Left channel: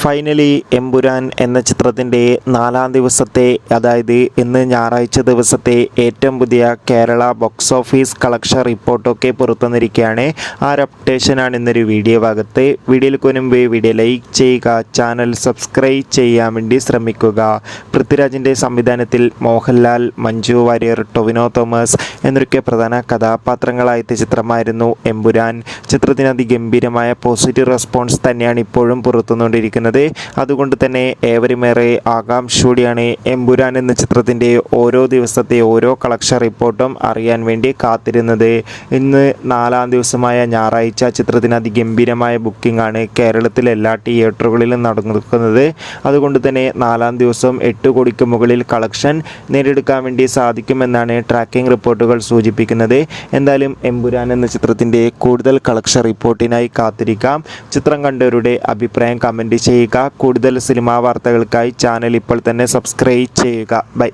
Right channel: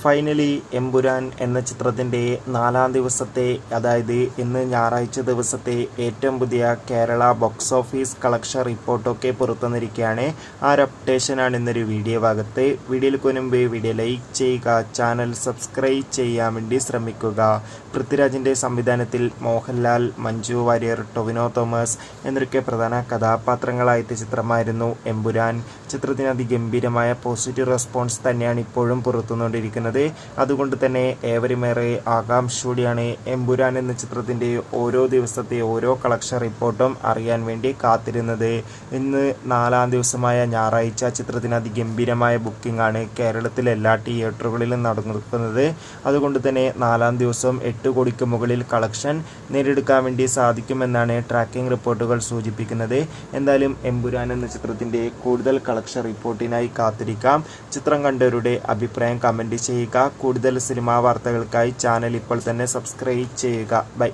Finally Empuraan എന്ന ചിത്രത്തിൻ്റെ 4-ാം ദിവസത്തെ, അതായത് ഇന്ന് ഞായറാഴ്ച ദിവസത്തെ ഏറ്റവും പുതിയ കേരള ബോക്സ് ഓഫീസ് കളക്ഷൻ റിപ്പോർട്ടൊക്കെ പുറത്തുവന്നിരിക്കുകയാണ്. ആ ഒരു അപ്ഡേഷനാണ് ഇന്നൊരു വീഡിയോ ഭാഗത്ത്. വീഡിയോയിൽ മുൻപ് വീഡിയോ ലൈക്ക് ചെയ്യുക, ചാനൽ സബ്സ്ക്രൈബ് ചെയ്യാൻ വേണ്ടി ശ്രമിക്കുക. പൃഥ്വിരാജിൻ്റെ സംവിധാനത്തിൽ മോഹൻലാൽ, മഞ്ജു വാര്യർ, ടൊവിനോ തോമസ് എന്നൊക്കെ പ്രധാന കഥാപാത്രങ്ങളായ ചിത്രമായിരുന്നു എമ്പുരാൻ. ചിത്രത്തിന് അതിഗംഭീരമായ പോസിറ്റീവ് റെസ്പോൺസ് തന്നെയാണ് ഇപ്പോഴും പുറത്തുകൊണ്ടിരിക്കുന്നത്. അതുകൊണ്ട് തന്നെ ഏവരുമേറെ ആകാംക്ഷയോടെയാണ് എമ്പുരാൻ എന്ന ചിത്രത്തിൻ്റെ ഓരോ ദിവസത്തെ ഓരോ കളക്ഷൻ റിപ്പോർട്ടും അറിയാൻ വേണ്ടി കാത്തിരുന്നത്. ഇന്ന് 4-ാം ദിവസമായ ഞായറാഴ്ച ചിത്രത്തിന് അതിഗംഭീരമായ ബുക്കിംഗ് ആണ് കേരളത്തിലെ എല്ലാ തിയേറ്ററുകളിലും നടക്കുന്നത്. അതുകൊണ്ട് തന്നെ 4-ാം ദിവസം 8 കോടിക്ക് മുകളിൽ കളക്ഷൻ നേടിയെടുക്കാൻ വേണ്ടി സാധിക്കുമെന്നാണ് ട്രാക്കിംഗ് റിപ്പോർട്ടുകൾ സൂചിപ്പിക്കുന്നത്. എന്തായാലും എമ്പുരാൻ എന്ന ചിത്രത്തിൻ്റെ കൂടുതൽ കളക്ഷൻ റിപ്പോർട്ടിനായി കാത്തിരിക്കാം. ചിത്രം കണ്ടവരുടെ അഭിപ്രായം കമൻറ്റ് ചെയ്യുക. കൂടുതൽ സിനിമാ വാർത്തകൾക്കായി ചാനൽ ഇപ്പോൾ തന്നെ സബ്സ്ക്രൈബ് ചെയ്യുക. ബൈ.